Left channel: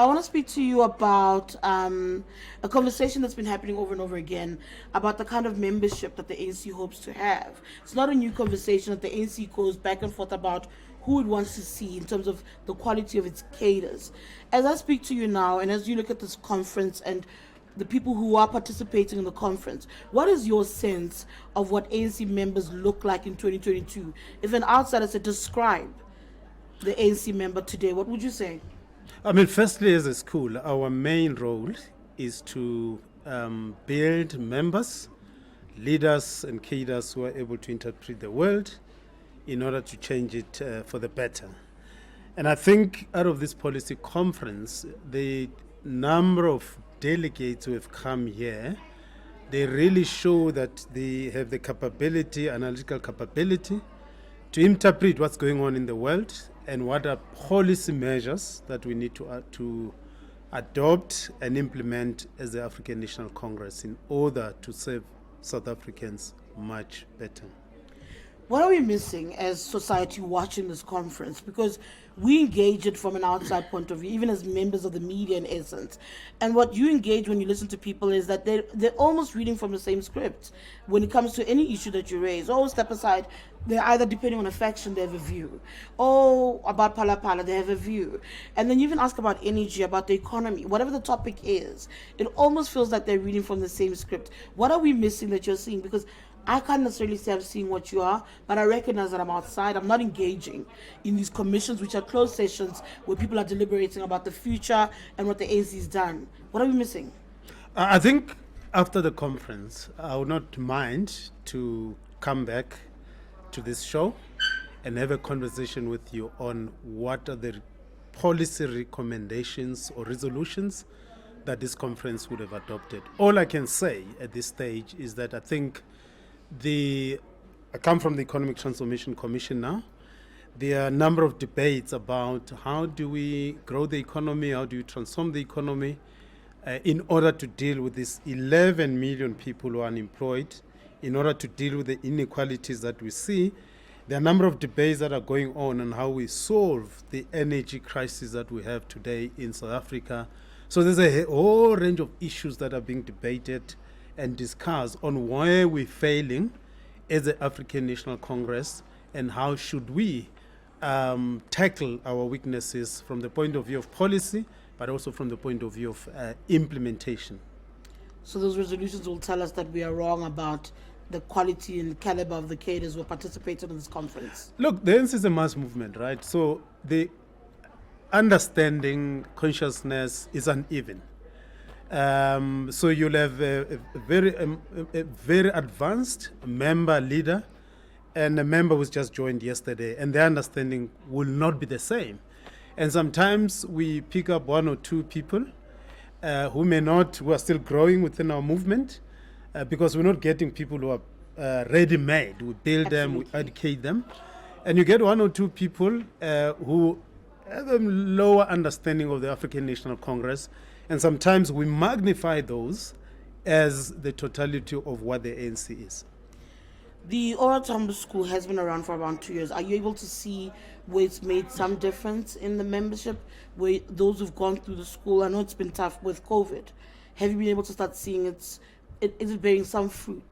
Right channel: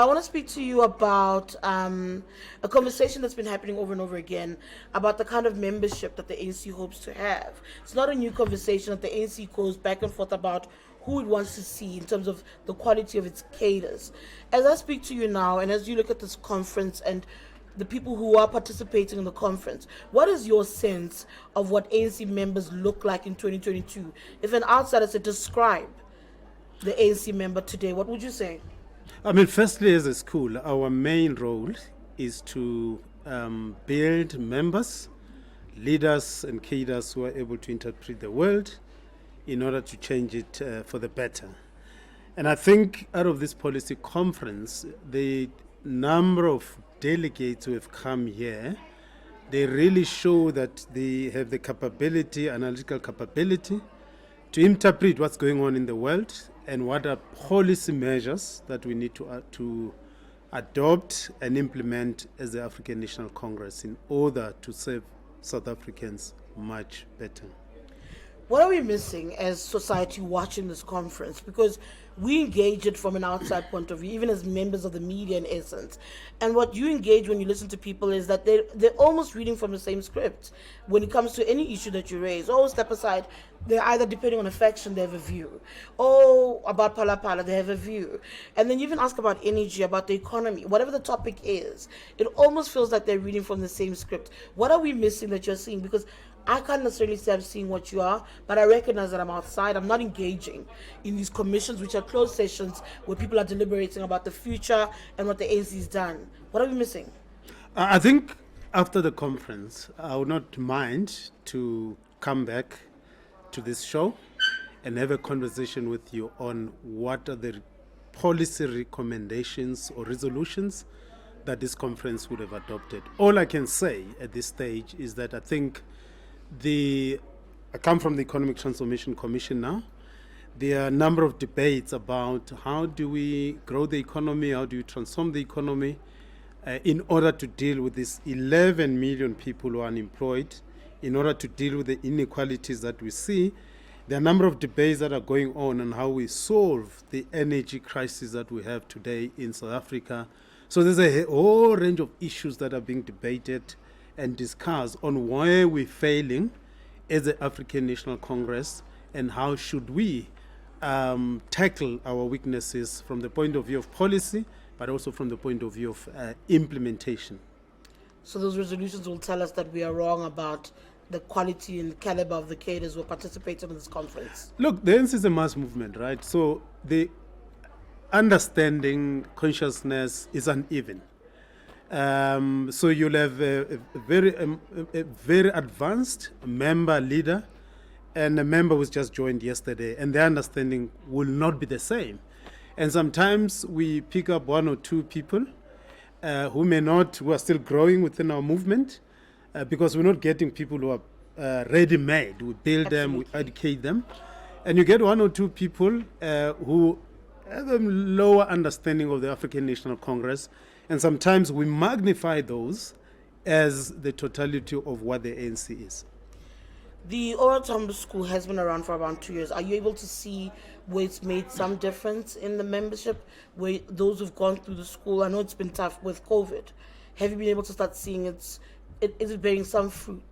I want to speak to you about a conversation that's been happening over and over again about the kind of membership that the ANC hopes to have. It's not a new conversation that the ANC goes back and forth about who it wants to see in terms of the quality of its cadres. As I speak to you now, and as you look at this conference and the people who are participating in the conference, what is your sense of what ANC members look like in 2022? If an outsider said describe the ANC member today, what would you say? I mean, firstly, as a school, our main role is to build members, leaders, and cadres who are able to interpret the world in order to change it for the better. And I think out of this policy conference, the number of delegates who have come here, they really show that they have the capability, analytical capability, to interpret what's going on in the world and what are policy measures that we need to adopt and implement as the African National Congress in order to serve South Africans much better. What are we missing as society watching this conference? Because we engage it from an outside point of view, even as members of the media in essence. And what you engage when you listen to people is that they're almost reading from the same script. When it comes to any issue that you raise, step aside, they're either depending on a faction, they have a view. About Pala, they have a view. And then you even ask about energy, about the economy, whatever the topic is, it almost feels like they're reading from the same script. What are we missing that you're seeing? Because I can't necessarily say I'm seeing what you are, but I recognize that I'm outside. I'm not engaging in these commissions, which are closed sessions where people are deliberating about the future and what the ANC has done. What are we missing? I think after the conference, I would not mind to come back to this show and have a conversation with you on what are the policy recommendations or resolutions that this conference would have adopted. All I can say at this stage is that I think I come from the Economic Transformation Commission now. There are a number of debates about how do we grow the economy, how do we transform the economy in order to deal with these 11 million people who are unemployed, in order to deal with the inequalities that we see. There are a number of debates that are going on how we solve the energy crisis that we have today in South Africa. So there's a whole range of issues that are being debated and discussed on where we're failing as the African National Congress and how should we tackle our weaknesses from the point of view of policy, but also from the point of view of implementation. So those resolutions will tell us that we are wrong about the quality and caliber of the cadres who are participating in this conference. Look, the ANC is a mass movement, right? So the understanding, consciousness is uneven. So you'll have a very advanced member leader and a member who's just joined yesterday, and their understanding will not be the same. And sometimes we pick up one or two people who are still growing within our movement, because we're not getting people who are ready-made. We build them, we educate them. And you get one or two people who have a lower understanding of the African National Congress. And sometimes we magnify those as the totality of what the ANC is. The OR Tambo school has been around for around 2 years. Are you able to see where it's made some difference in the membership, where those who've gone through the school? I know it's been tough with COVID. Have you been able to start seeing is it bearing some fruit?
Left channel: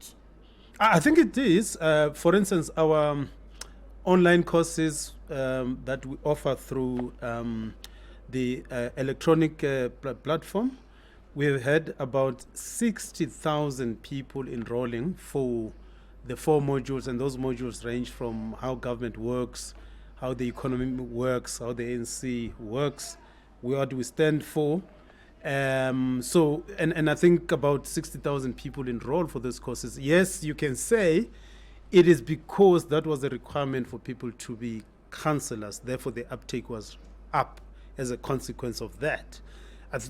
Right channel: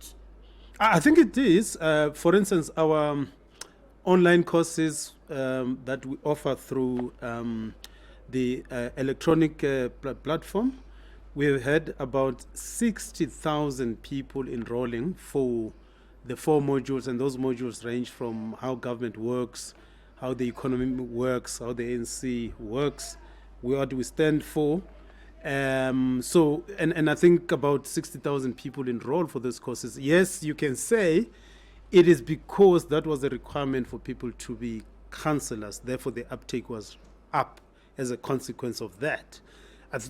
I think it is. For instance, our online courses that we offer through the electronic platform, we have had about 60,000 people enrolling for the 4 modules, and those modules range from how government works, how the economy works, how the ANC works, what we stand for. So I think about 60,000 people enrolled for those courses. Yes, you can say it is because that was a requirement for people to be counselors. Therefore, the uptake was up as a consequence of that.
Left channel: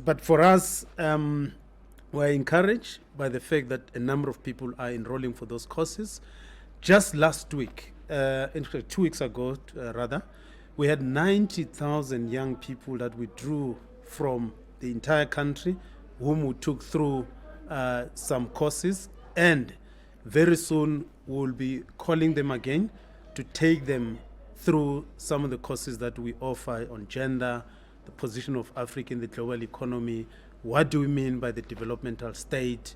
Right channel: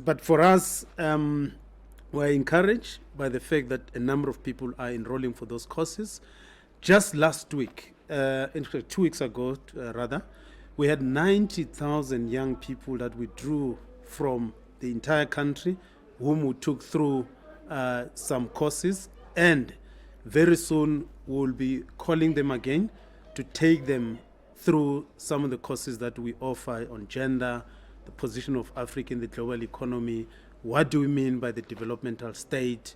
But for us, we're encouraged by the fact that a number of people are enrolling for those courses. Just last week, in fact 2 weeks ago, we had 90,000 young people that we drew from the entire country, whom we took through some courses, and very soon we'll be calling them again to take them through some of the courses that we offer on gender, the position of Africa in the global economy, what do we mean by the developmental state,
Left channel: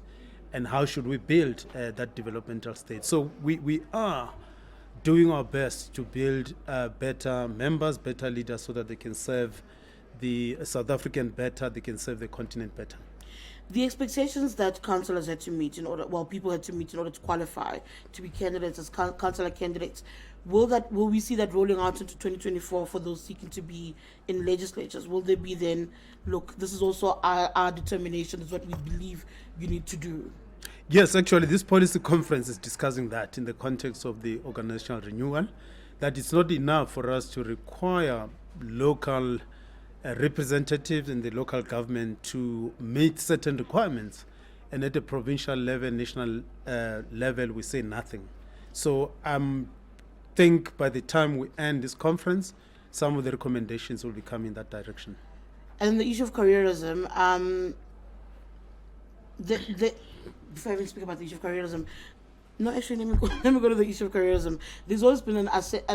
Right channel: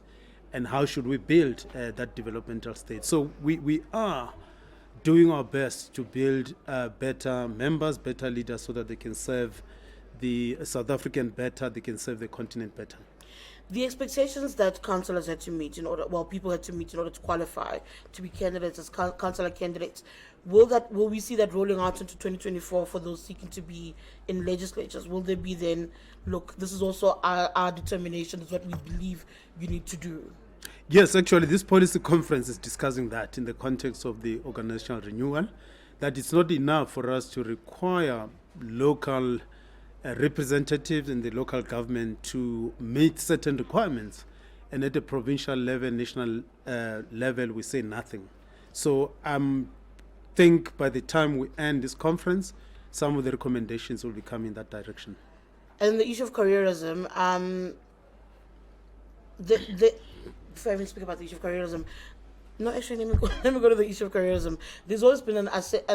and how should we build that developmental state. So we are doing our best to build better members, better leaders, so that they can serve the South African better, they can serve the continent better. The expectations that councillors had to meet people had to meet in order to qualify to be candidates as councillor candidates, will we see that rolling out into 2024 for those seeking to be in legislatures? Will there be then, look, this is also our determination, this is what we believe we need to do? Yes, actually, this policy conference is discussing that in the context of the organizational renewal, that it's not enough for us to require local representatives in the local government to meet certain requirements, and at the provincial level, national level, we say nothing. So I think by the time we end this conference, some of the recommendations will be coming in that direction. And the issue of careerism, before I even speak about the issue of careerism, no, actually, let me go to the issue of careerism. There's always been an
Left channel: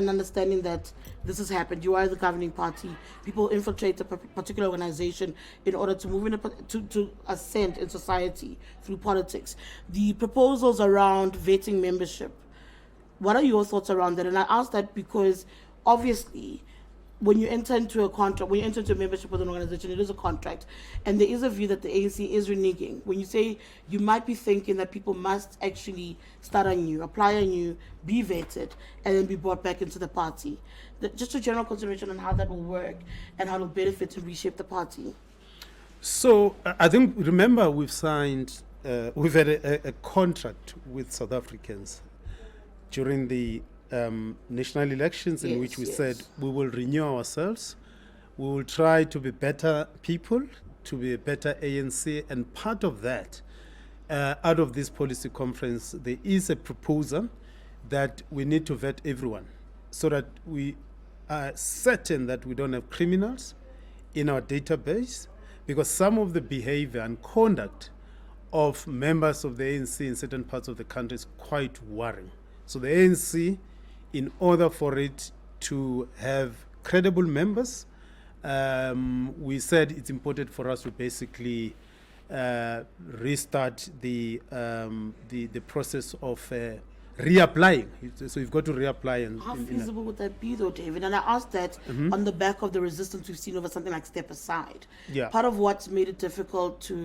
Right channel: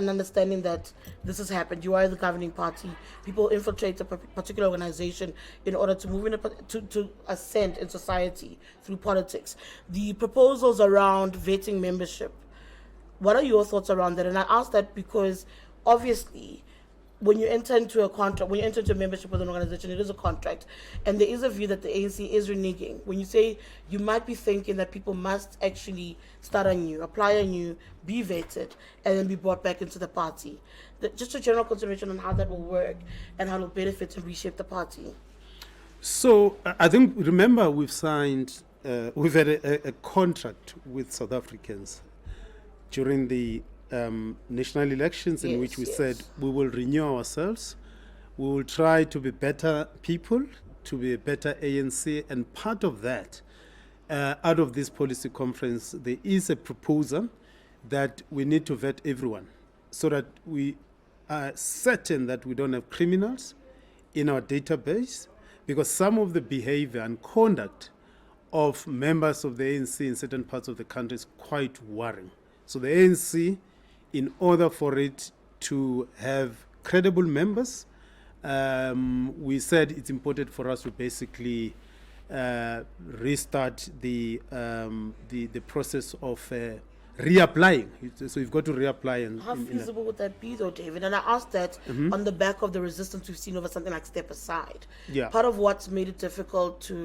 understanding that this has happened. You are the governing party. People infiltrate a particular organization in order to move in to ascend in society through politics. The proposals around vetting membership, what are your thoughts around that? And I ask that because obviously, when you enter into a contract, when you enter into a membership with an organization, it is a contract. And there is a view that the ANC is reneging. When you say, you might be thinking that people must actually start anew, apply anew, be vetted, and then be brought back into the party. Just a general consideration on how that will work and how it will benefit and reshape the party. So I think, remember, we've signed, we've had a contract with South Africans during the national elections in which we said we will renew ourselves, we will try to be better people, to be a better ANC, and part of that, out of this policy conference, there is a proposal that we need to vet everyone so that we are certain that we don't have criminals in our database, because some of the behavior and conduct of members of the ANC in certain parts of the country is quite worrying. So the ANC, in order for it to have credible members, we said it's important for us to basically restart the process of reapplying. So you've got to reapply. How feasible would that be, though, David? And I asked that on the back of the resistance we've seen over something like Step Aside. Yeah. Part of what's made it difficult to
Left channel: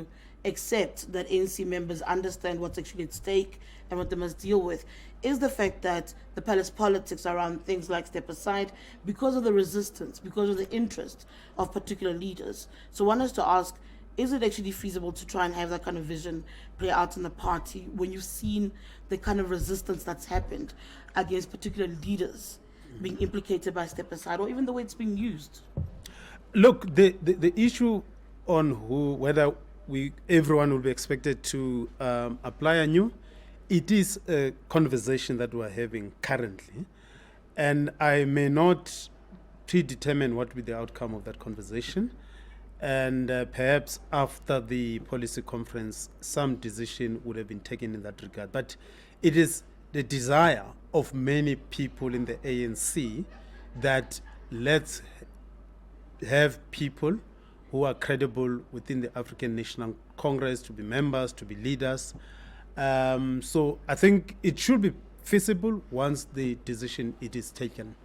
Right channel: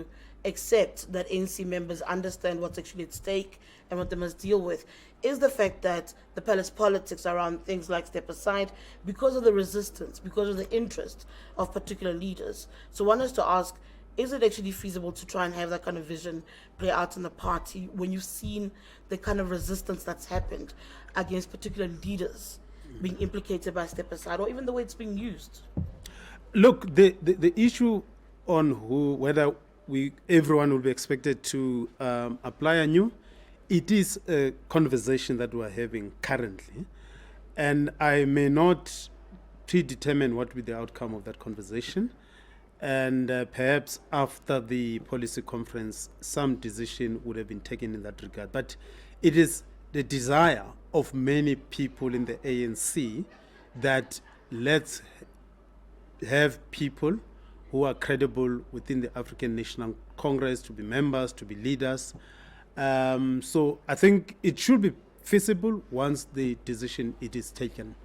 accept that ANC members understand what's actually at stake and what they must deal with is the fact that the palace politics around things like Step Aside, because of the resistance, because of the interest of particular leaders. So one has to ask, is it actually feasible to try and have that kind of vision play out in the party when you've seen the kind of resistance that's happened against particular leaders being implicated by Step Aside, or even the way it's being used? Look, the issue on whether everyone will be expected to apply anew, it is a conversation that we're having currently, and I may not predetermine what will be the outcome of that conversation, and perhaps after the policy conference some decision would have been taken in that regard. But it is the desire of many people in the ANC that let's have people who are credible within the African National Congress to be members, to be leaders. So I think it should be feasible once the decision it is taken.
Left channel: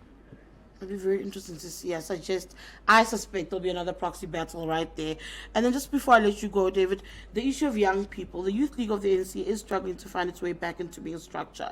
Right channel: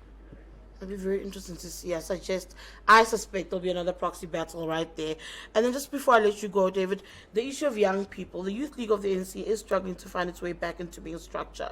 It'll be very interesting to see. I suspect there'll be another proxy battle right there. And then just before I let you go, David, the issue of young people, the Youth League of the ANC is struggling to find its way back into being a structure.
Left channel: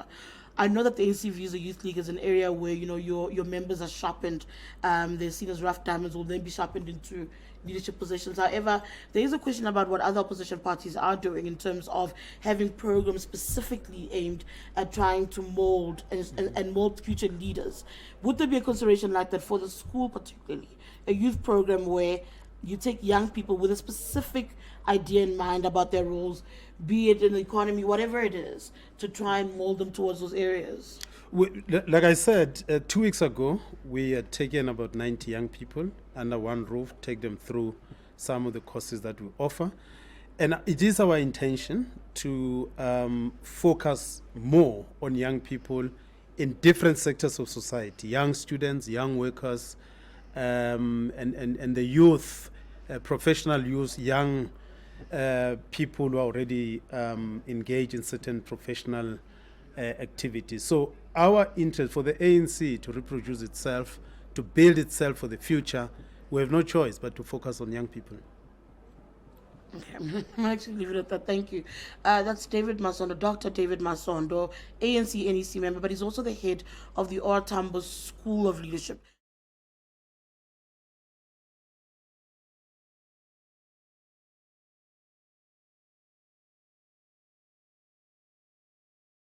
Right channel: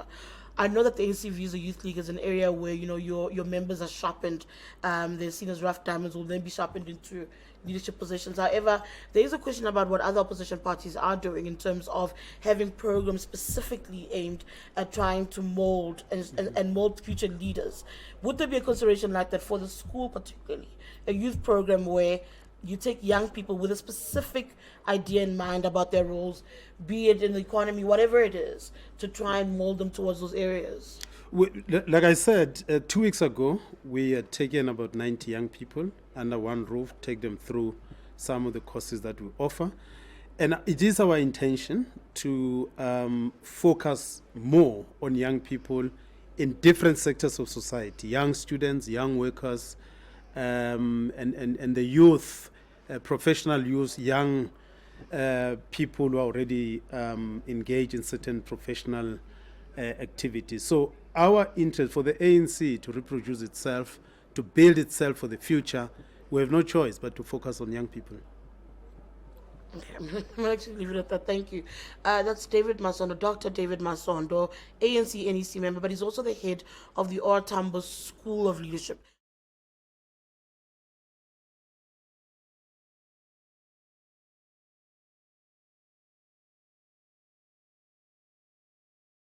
I know that the ANC views the Youth League as an area where, you know, your members are sharpened, they're seen as rough diamonds, will then be sharpened into leadership positions. However, there is a question about what other opposition parties are doing in terms of having programs specifically aimed at trying to mold and mold future leaders. Would there be a consideration like that for the school particularly? A youth program where you take young people with a specific idea in mind about their roles, be it in the economy, whatever it is, to try and mold them towards those areas? Like I said, 2 weeks ago, we had taken about 90 young people under one roof, take them through some of the courses that we offer. And it is our intention to focus more on young people in different sectors of society, young students, young workers, and the youth, professional youth, young people who are already engaged in certain professional activities. So our interest for the ANC to reproduce itself, to build itself for the future, we have no choice but to focus on young people. Thank you. That's David Masondo, Dr. David Masondo, ANC NEC member, but he's also the head of the OR Tambo School of Leadership.